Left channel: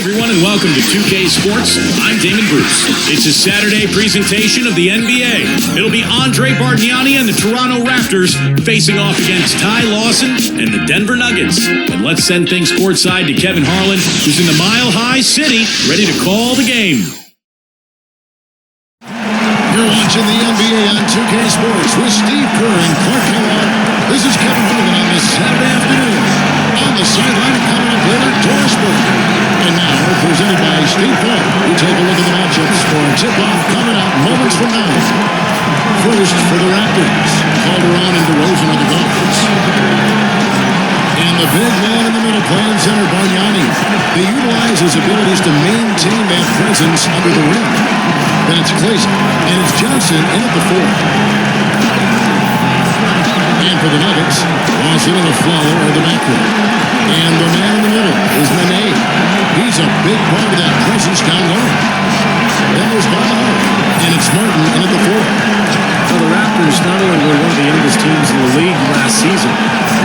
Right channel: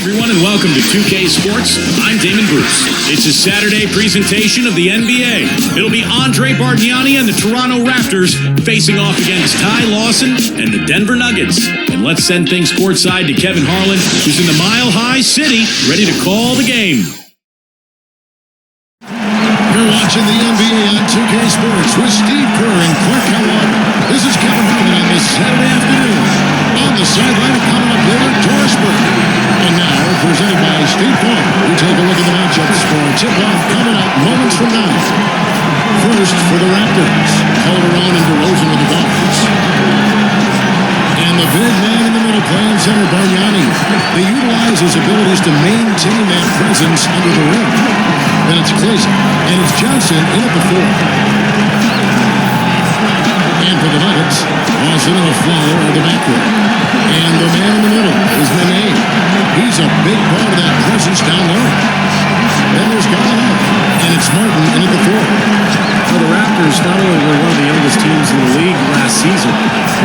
everyone, and welcome to 2K Sports. I'm Damon Bruce. It's a Saturday presentation of the NBA. It'll be Andre Bargnani and the Toronto Raptors facing off against Ty Lawson and the Denver Nuggets. And let's send things courtside to Kevin Harlan, who's in the Mile High City, ready to call the game. You're watching the NBA on 2K Sports with Steve Kerr and Clark Kellogg. This is Kevin Harlan on this Saturday afternoon. On the sideline and coming up later, Doris Burke. And now, presented by State Farm, we take a look at the matchups for a tip-off coming up moments from now. First, for the Raptors, Calderon and DeRozan are the guards. And the big man in the middle playing center, Bargnani. They utilize his abilities to maintain that presence under the rim. Then it's Clayson, and it's Johnson in at the 4. And for the Nuggets, Lawson and Aflalo are the backcourt. And the man in the middle is Nene. He's a big part of that presence down low. Then there's Gallinari, and it's Martin in at the 4. Well, the Raptors not only were one of the youngest teams in the league last season,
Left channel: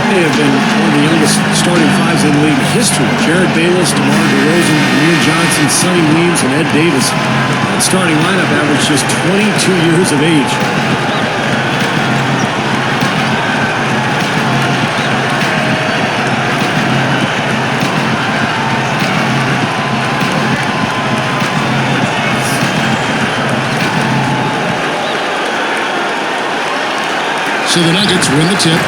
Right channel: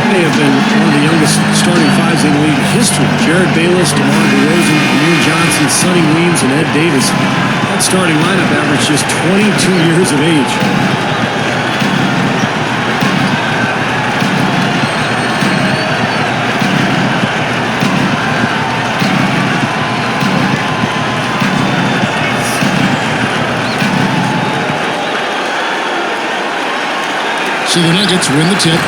they have been one of the youngest starting fives in league history. Jared Bayless, DeMar DeRozan, Amir Johnson, Sonny Weems, and Ed Davis. That starting lineup averaged just 22 years of age. So the Nuggets win the tip.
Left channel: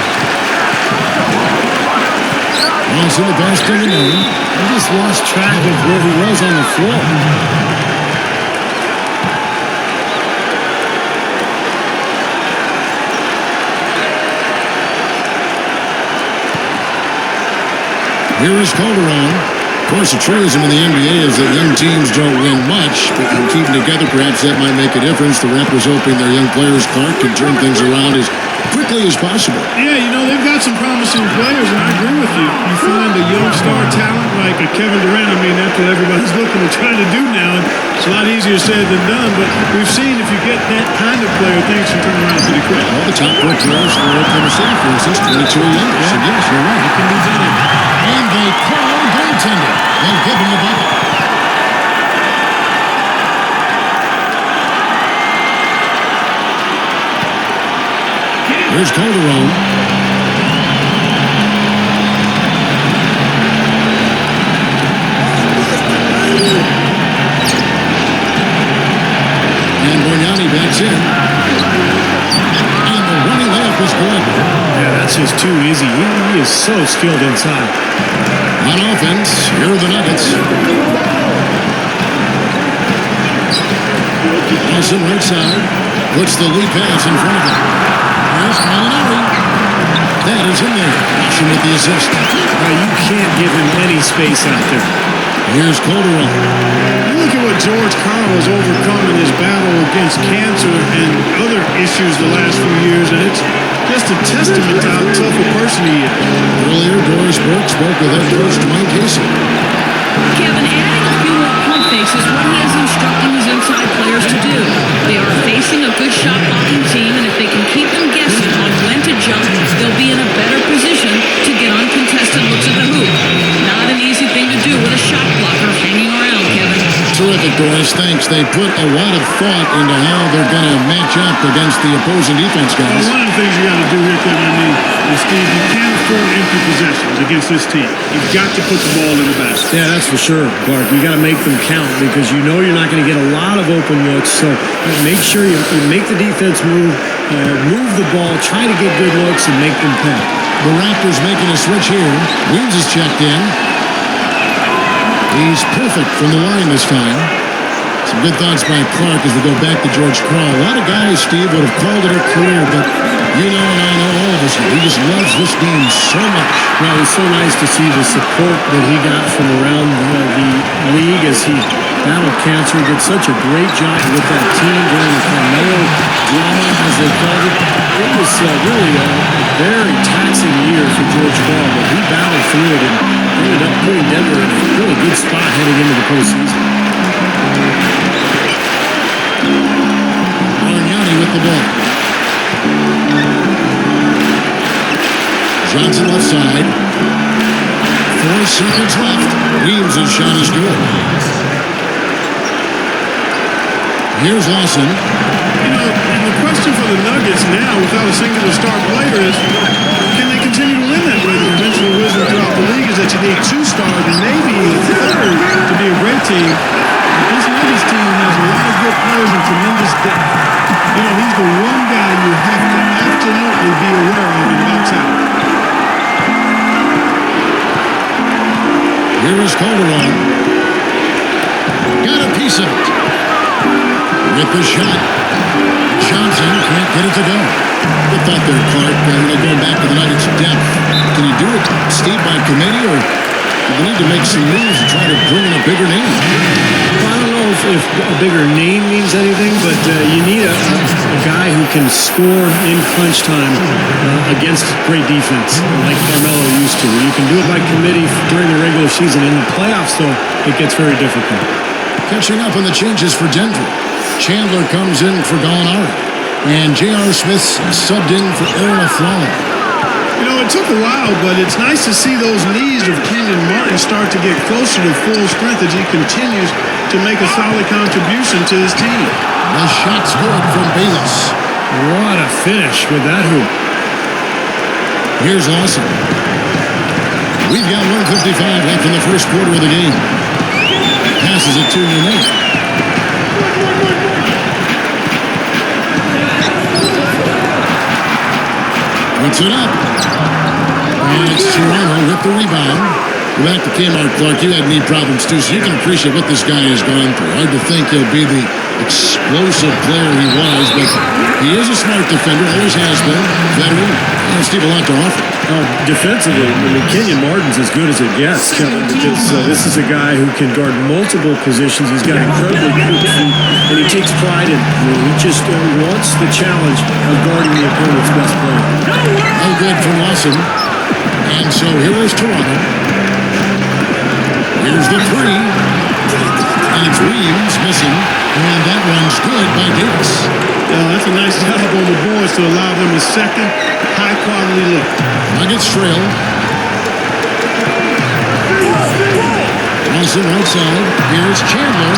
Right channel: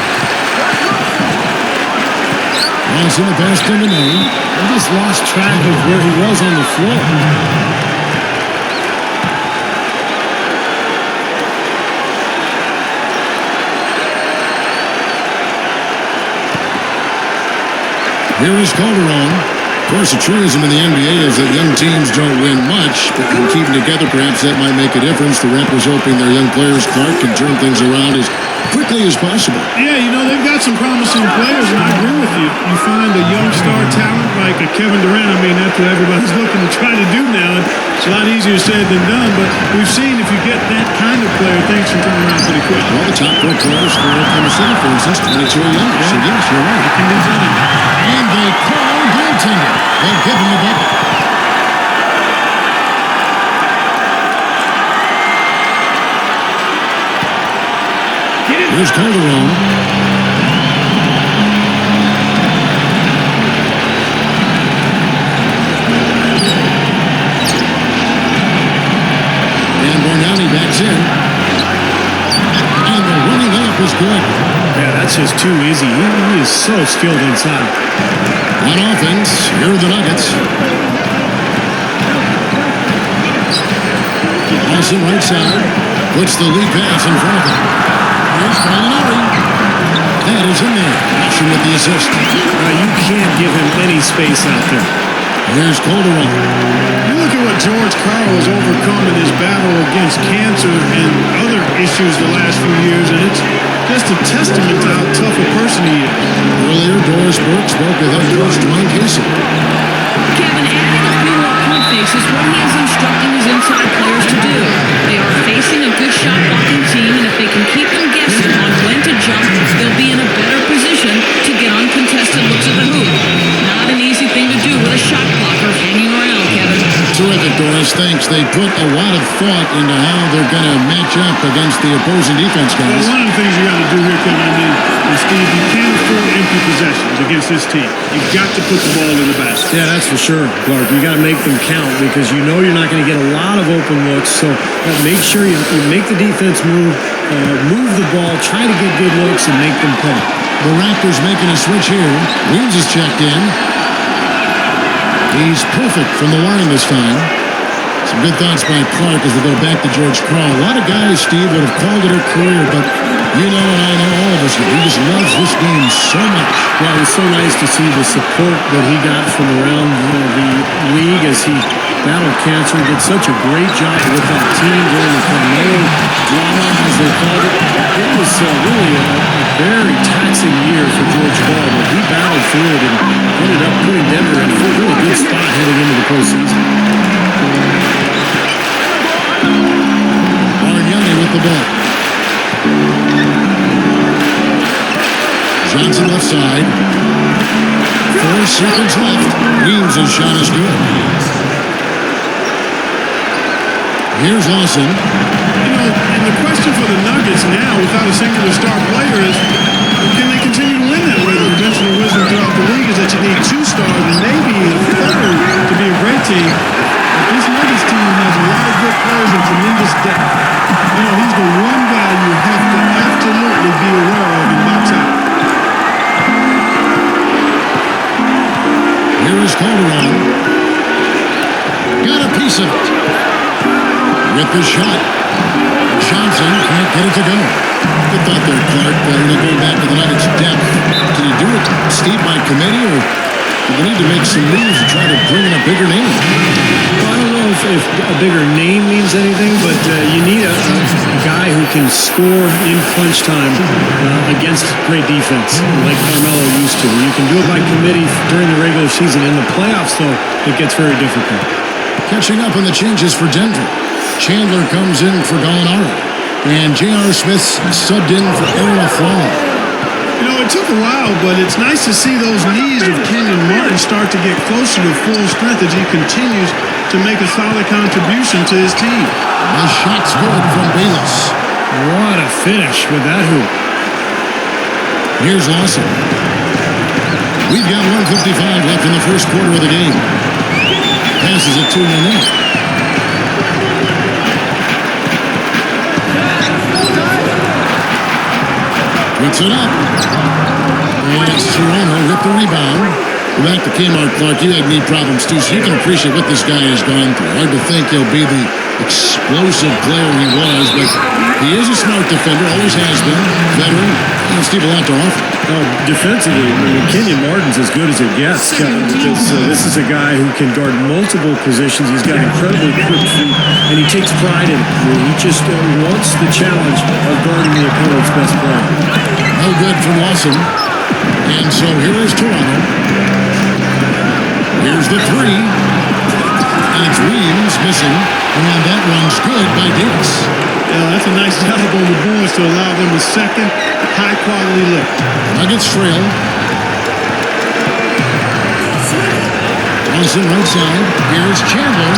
Lawson the pass to Nene. He just lost track of where he was on the floor. Here is Calderon. Of course, the truism in the NBA is that young teams don't win much, but when keeping together, perhaps that might make a difference. The Raptors hoping their young players, Clark, can turn things around as quickly as possible. Yeah, you know, they've got some promising players, and I agree with you. You find a young star talent like a Kevin Durant. I mean, that's what everybody's looking to try to do now. And it's a lot easier said than done, but we've seen if you get that kind of player, things can turn around pretty quick. Well, the top 4 players for Oklahoma City, for instance, 22 or younger. Yeah. So, yes, you're right. It can be done. And they call goaltending. They'll give him the bucket. Here's Calderon. And Bargnani backs in. And the running layup is good. Yeah, that's just too easy. He is so skilled inside. On offense, here are the Nuggets. Lawson right side. Puts the lead pass in front of him. Here's Gallinari. That is in there. Lawson with the assist. You can't give him any space out there. Here's Calderon. You look at what George Karl has overcome in his battle against cancer and other issues the last few years, and it's just a testament to how tough a person he is. Earlier, Doris Burke spoke with head coach Dwayne Casey. Kevin, adding a few more pump fakes is what he is instructing his inside players to do. They are facing a good shot-blocking team, and if they can keep them guessing on when to jump, they'll be in a better position to get uncontested looks at the hoop. Not an easy thing to do with a shot blocker hanging around, Kevin. Terrific, Doris. Thanks. They put a lot of thought into how they're going to match up against the opposing defense guys. Well, one of the things you got to do here, Kevin, is Steve, you can't afford empty possessions against this team. You've got to put the ball in the basket. Yeah, that's for sure, Clark. You got to make them count because you know you're not going to get a lot of open looks. So make sure you make the defense move the ball, try to get good looks, and make them pay. The Raptors making a switch here. Weems is checked in. He's perfect from the line this time. Some good thoughts by Clark as we go back to George Karl. A lot of guys, Steve, would have called it a career, but you know and I know, all of us know, he just loves this game so much. Well, it was so nice to see the support that he got from around the league as he battled cancer. He did such a great job with that team during the Carmelo drama, as they called it. It was really a very taxing year for George Karl, but he battled through it and ended up putting Denver in a really good spot heading into the postseason. Bargnani with the ball. Johnson left side. 4 seconds left. Weems' shot is good. Here's Lawson. You know, and the question for the Nuggets now, without a singular star player, is can they continue to win that way? The conventional wisdom throughout the league is that you need 2 stars and maybe a third to be a great team. But this Nuggets team has a lot of good players and tremendous depth. You know, he's the one guy you have to absolutely be aware of and box out. Here is Calderon. Got a piece of it. With the shot. Johnson can't get it to go. Good thought there, Clark. Going back to the Nuggets' depth. Can you do it, Steve, by committee, or do they need to make some moves to try to bring in a bigger name? Well, I don't know if a bigger name means anything, but you need a guy who can score in crunch time against great defense, like Carmelo used to. You can do it by committee during the regular season. In the playoffs, though, it gets very difficult. Catching up on the changes for Denver. Chandler comes in for Gallinari. And J.R. Smith's subbed in for Aaron Aflalo. You know, it took a while, but it's nice to see those knees of Kenyon Martin start to get closer to full strength as he continues to make a solid contribution to his team. The shot's good from Bayless. What a finish with that hoop. Here's Lawson. We've got 1:55 left in the first quarter of the game. Passes it to Nene. Puts it up. And it's Toronto with the rebound. Go back to Kmart, Clark. You had knee problems too, so you can appreciate what this guy has gone through. Hard to think he'll be the explosive player he was, but he is a smart defender, always has been. Veteran. Steve, a lot to offer. Oh, defensively, Kenyon Martin's as good as it gets, Kevin, because this is a guy who can guard multiple positions. He's got incredibly quick feet, and he takes pride in it. He just wants the challenge of guarding the opponent's best player. No good from Lawson. And so here is Toronto. Here's the 3. And it's Weems missing. And that one's good by Davis. That's a nice job on the boards to allow them a second high-quality look. The Nuggets trail. Lawson right side. Here's Chandler.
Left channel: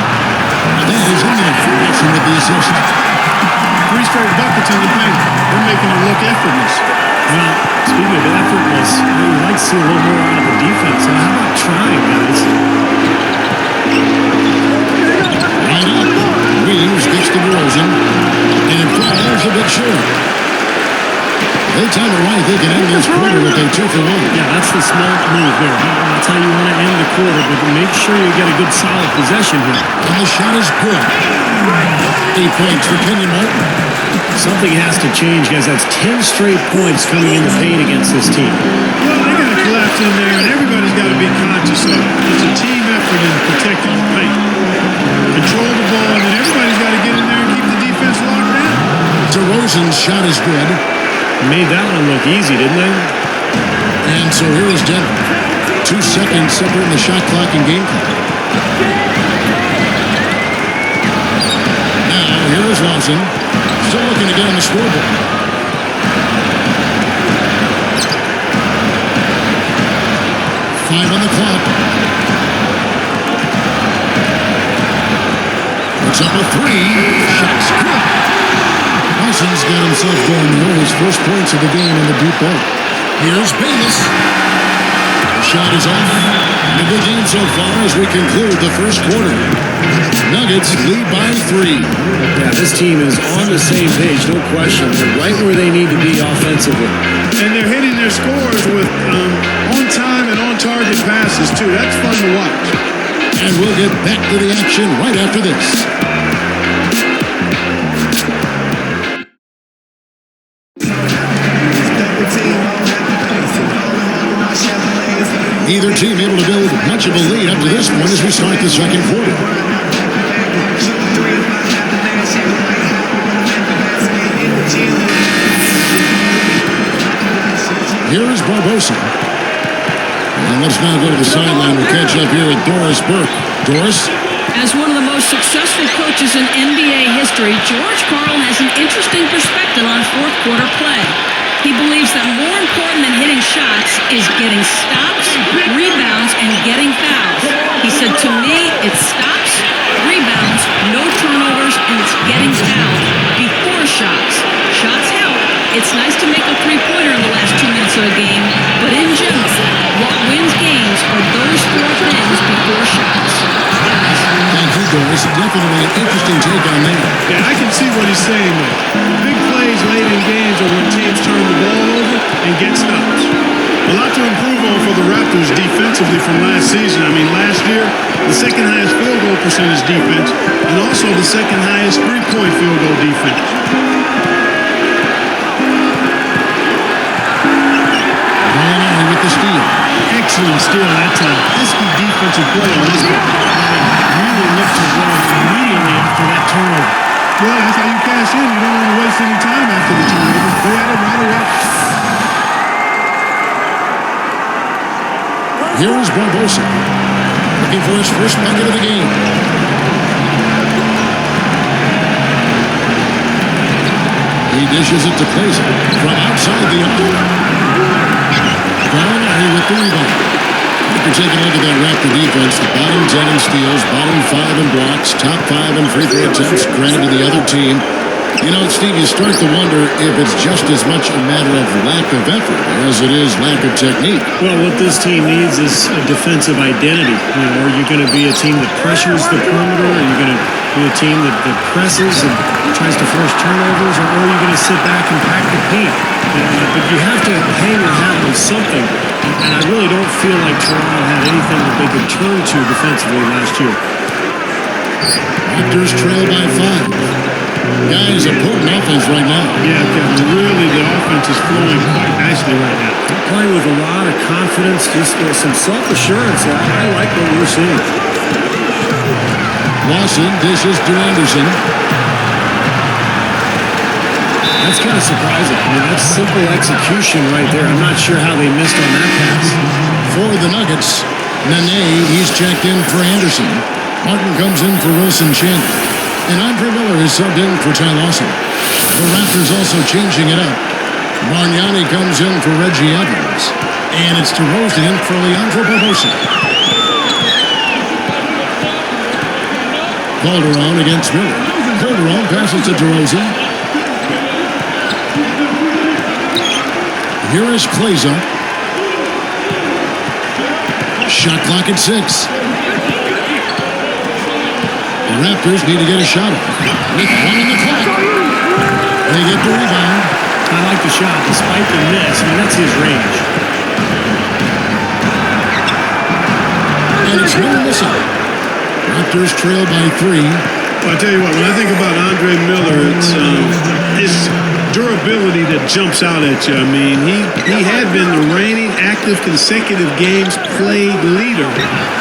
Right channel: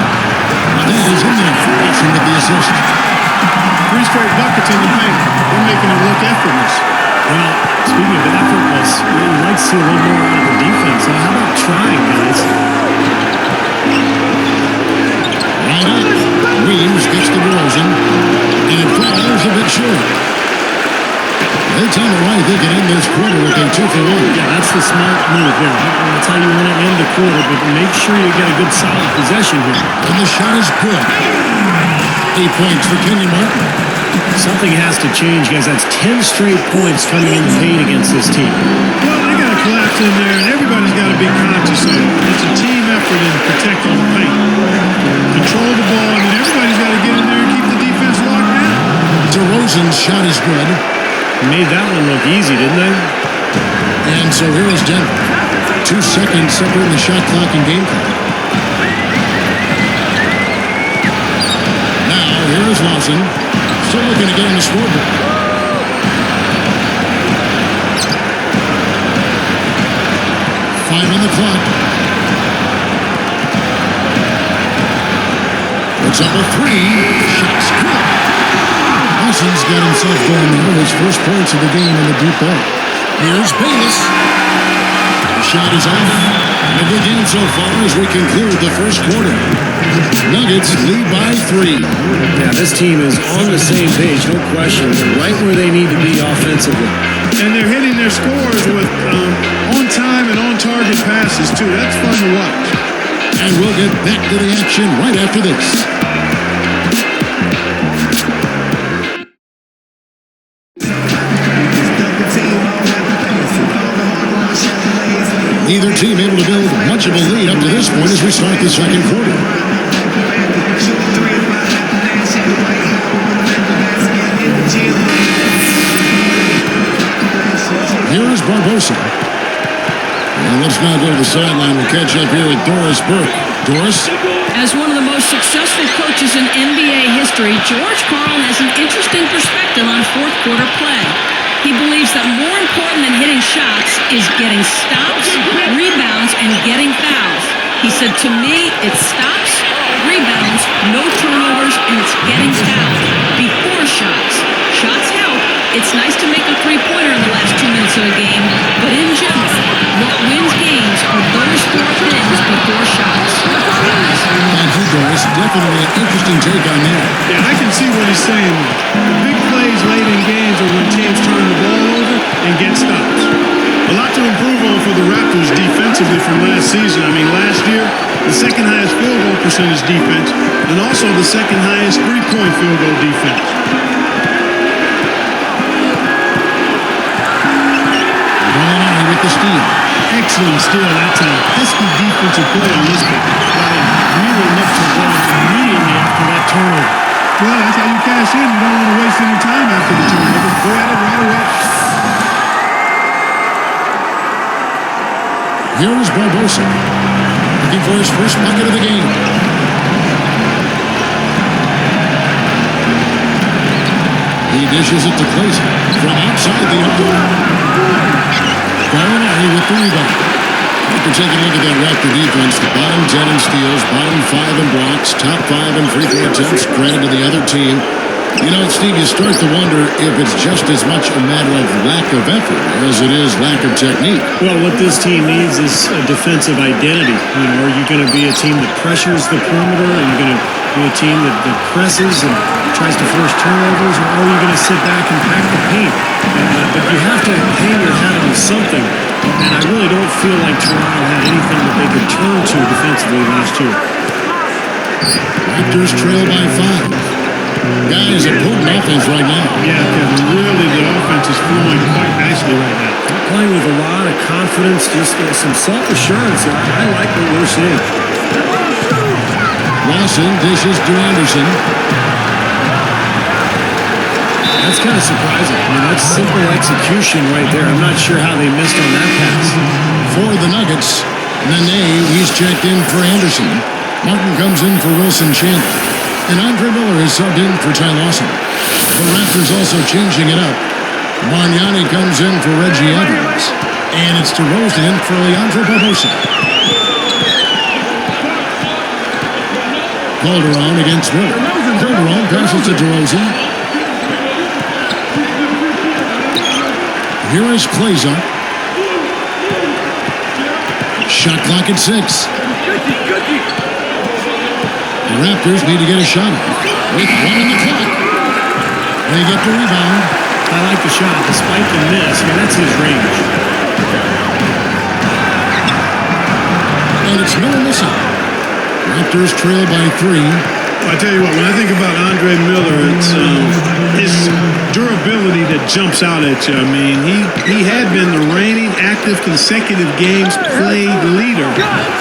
That is in there. Lawson with the assist. 3 straight buckets in the paint. They're making it look effortless. Well, speaking of effortless, you'd like to see a little more out of the defense. So how about trying, guys? Right up. Weems gets to DeRozan. And it falls a bit short. If they time it right, they can end this quarter with a 2-for-1. Yeah, that's the smart move there. That's how you want to end the quarter, but make sure you get a good solid possession here. And the shot is good. 8 points for Kenyon Martin. Something has to change, guys. That's 10 straight points coming in the paint against this team. Well, they got to collapse in there, and everybody's got to be conscious of it. It's a team effort in protecting the paint. Control the ball, and then everybody's got to get in there and keep the defense locked down. DeRozan's shot is good. Made that one look easy, didn't they? And so here is Denver. 2 seconds separating the shot clock and game clock. Now, here is Lawson. Still looking to get on the scoreboard. Five on the clock. Puts up a 3. Shot's good. Lawson's got himself going there. His first points of the game on the deep ball. Here's Bayless. The shot is off. And a good game so far as we conclude the first quarter. Nuggets lead by 3. Yeah, this team is on the same page, no question. They're right where they need to be offensively. And they're hitting their scores with on-time and on-target passes, too. That's fun to watch. And we'll get back to the action right after this. Neither team able to build much of a lead up to this point as we start the second quarter. Here is Barbosa. And let's now go to the sideline. We'll catch up here with Doris Burke. Doris? As one of the most successful coaches in NBA history, George Karl has an interesting perspective on fourth quarter play. He believes that more important than hitting shots is getting stops, rebounds, and getting fouls. He said, to me, it's stops, rebounds, no turnovers, and it's getting fouled before shots. Shots help. It's nice to make a three-pointer in the last 2 minutes of a game, but in general, what wins games are those four things before shots. Guys? Thank you, Doris. Definitely an interesting take on that. Yeah, I can see what he's saying, though. The big plays late in games are when teams turn the ball over and get stops. A lot to improve on for the Raptors defensively from last season. I mean, last year, the second highest field goal percentage defense and also the second highest three-point field goal defense. Gallinari with the steal. Excellent steal that time. Pesky defensive play on this ball. Yeah, they really look to run immediately after that turnover. Well, that's how you cash in. You don't want to waste any time after the turnover. Go at it right away. Here is Barbosa, looking for his first bucket of the game. He dishes it to Clayson from outside the arc. Gallinari with the rebound. After taking a look at that Raptor defense, the bottom 10 in steals, bottom 5 in blocks, top 5 in free throw attempts, granted to the other team. You know, Steve, you start to wonder if it's just as much a matter of lack of effort as it is lack of technique. Well, what this team needs is a defensive identity. You know, are you going to be a team that pressures the perimeter? Are you going to be a team that presses and tries to force turnovers? Or are you going to sit back and pack the paint? But you have to hang your hat on something. And I really don't feel like Toronto had anything that they could turn to defensively last year. Raptors trail by 5. Guys, a potent offense right now. Yeah, Kevin, really the offense is flowing quite nicely right now. Playing with a lot of confidence, just some self-assurance there. I like what we're seeing. Lawson dishes to Anderson. That's kind of surprising. I mean, that's simple execution right there. I'm not sure how they missed on that pass. For the Nuggets, Nene, he's checked in for Anderson. Martin comes in for Wilson Chandler. And Andre Miller is subbed in for Ty Lawson. The Raptors also changing it up. Bargnani comes in for Reggie Evans. And it's DeRozan in for Leandro Barbosa. Calderon against Miller. Calderon passes to DeRozan. Here is Kleza. Shot clock at 6. The Raptors need to get a shot off. With 1 on the clock. They get the rebound. I like the shot, despite the miss. I mean, that's his range. And it's Miller missing. Raptors trail by 3. Well, I tell you what, when I think about Andre Miller, it's his durability that jumps out at you. I mean, he had been the reigning active consecutive games played leader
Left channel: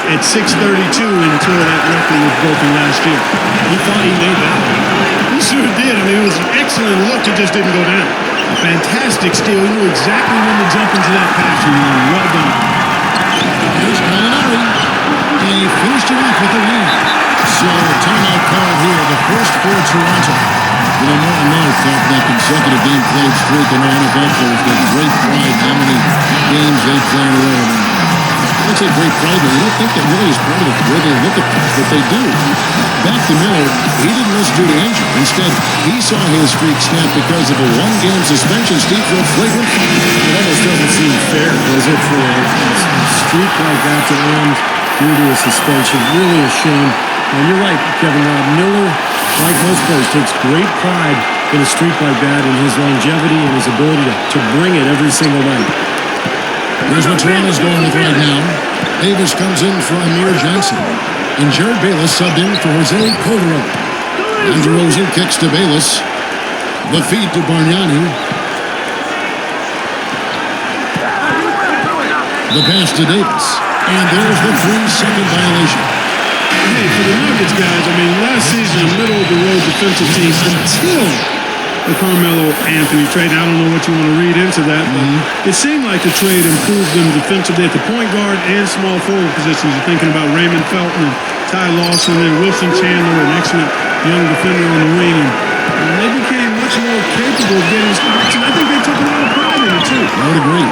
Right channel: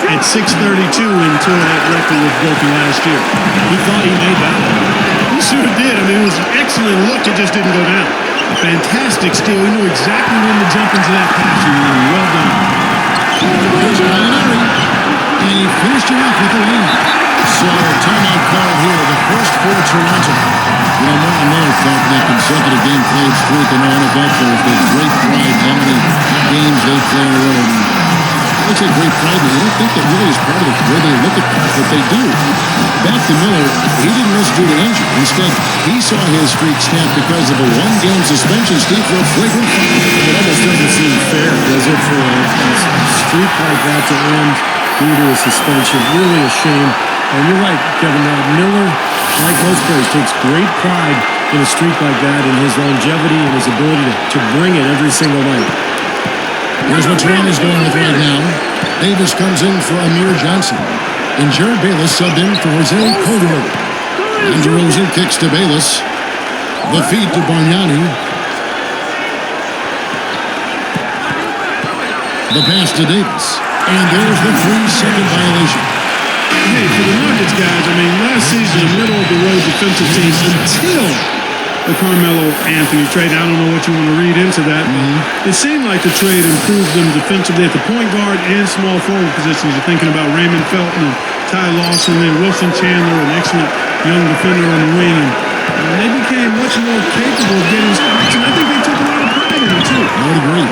at 632 until that record was broken last year. He thought he made that one. He sure did. I mean, it was an excellent look. It just didn't go down. A fantastic steal. He knew exactly when to jump into that passing lane. Well done. Here's Gallinari. And he finished it off with the win. So, timeout called here. The first for Toronto. You know, Moran Miller thought that consecutive game played streak. I know NFL players take great pride in how many games they play in a row. I mean, they take great pride in it. You don't think that really is part of the way they look at things, but they do. Back to Miller, he didn't miss due to injury. Instead, he saw his streak snap because of a 1-game suspension, Steve, for a flagrant foul. It almost doesn't seem fair, does it, for a streak like that to end due to a suspension? Really a shame. And you're right, Kevin. Miller, like most players, takes great pride in a streak like that, in his longevity and his ability to bring it every single night. Here's what Toronto's going with right now. Davis comes in for Amir Johnson. And Jared Bayless subbed in for Jose Calderon. And DeRozan kicks to Bayless. The feed to Bargnani. The pass to Davis. And there's the 3-second violation. Hey, for the Nuggets, guys, I mean, last season, a middle-of-the-road defensive team until the Carmelo Anthony trade. Now, I don't know what you want to read into that, but it seemed like the trade improved them defensively at the point guard and small forward positions. You're thinking about Raymond Felton and Ty Lawson and Wilson Chandler, an excellent young defender on the wing, and They became much more capable of getting stops, and I think they took a lot of pride in it, too. I would agree.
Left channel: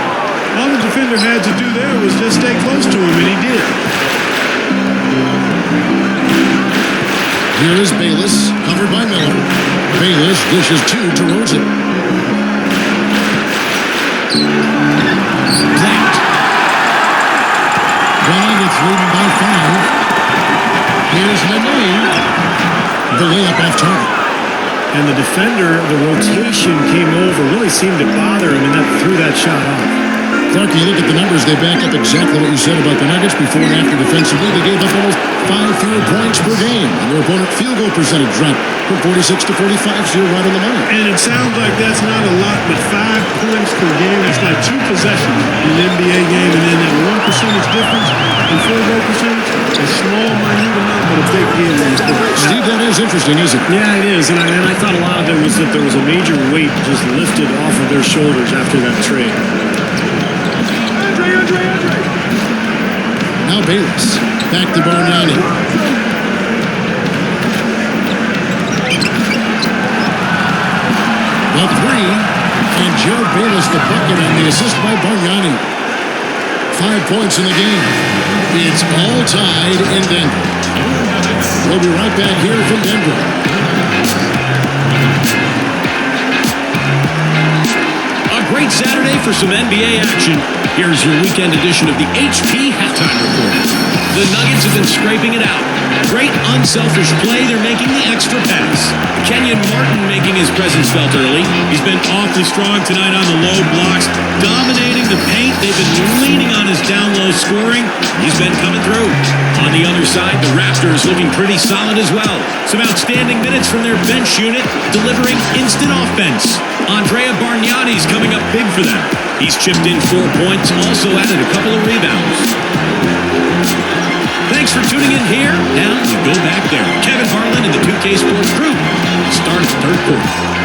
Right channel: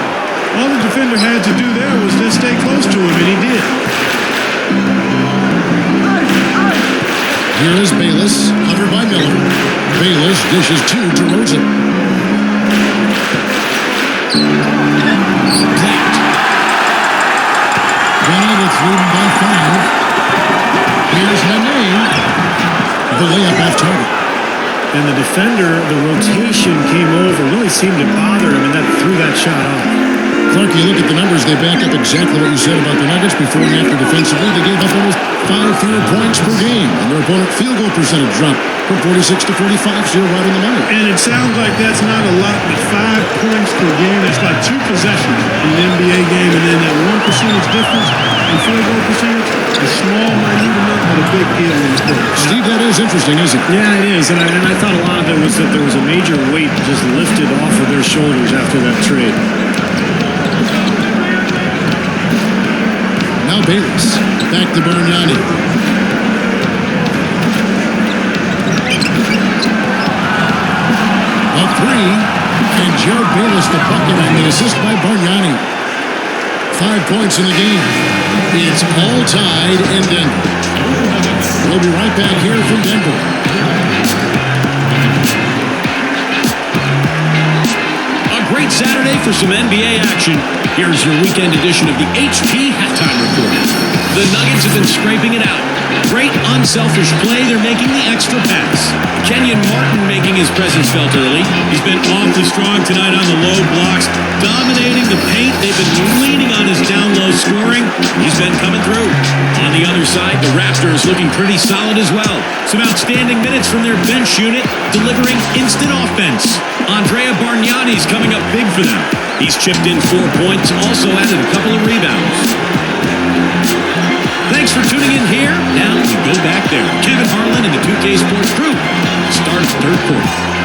All the defender had to do there was just stay close to him, and he did. Here is Bayless, covered by Miller. Bayless dishes to DeRozan. Blocked. The Nuggets leading by 5. Here's Nene. The layup off target. And the defender, the rotation came over, really seemed to bother him, and that threw that shot off. Clark, you look at the numbers, they back up exactly what you said about the Nuggets before and after defensively. They gave up almost 5 fewer points per game, and their opponent field goal percentage dropped from 46 to 45, so you're right on the money. And it sounds like that's not a lot, but 5 points per game, that's like 2 possessions in an NBA game, and then that 1 percentage difference in field goal percentage, a small, minute amount, but a big deal on the court. Steve, that is interesting, isn't it? Yeah, it is, and I thought a lot of it was that there was a major weight just lifted off of their shoulders after that trade. Now Bayless, back to Bargnani. The 3, and Jared Bayless the bucket on the assist by Bargnani. 5 points in the game. It's all tied in Denver. We'll be right back here from Denver. A great Saturday for some NBA action. Here's your weekend edition of the HP Halftime Report. The Nuggets have been scraping it out. Great unselfish play. They're making the extra pass. Kenyon Martin making his presence felt early. He's been awfully strong tonight on the low blocks, dominating the paint. They've been leaning on his down-low scoring. He's been coming through. On the other side, the Raptors looking pretty solid as well. Some outstanding minutes from their bench unit, delivering instant offense. Andrea Bargnani's coming up big for them. He's chipped in 4 points, also added a couple of rebounds. Thanks for tuning in here. Now we go back there. Kevin Harlan and the 2K Sports crew. Start of the third quarter.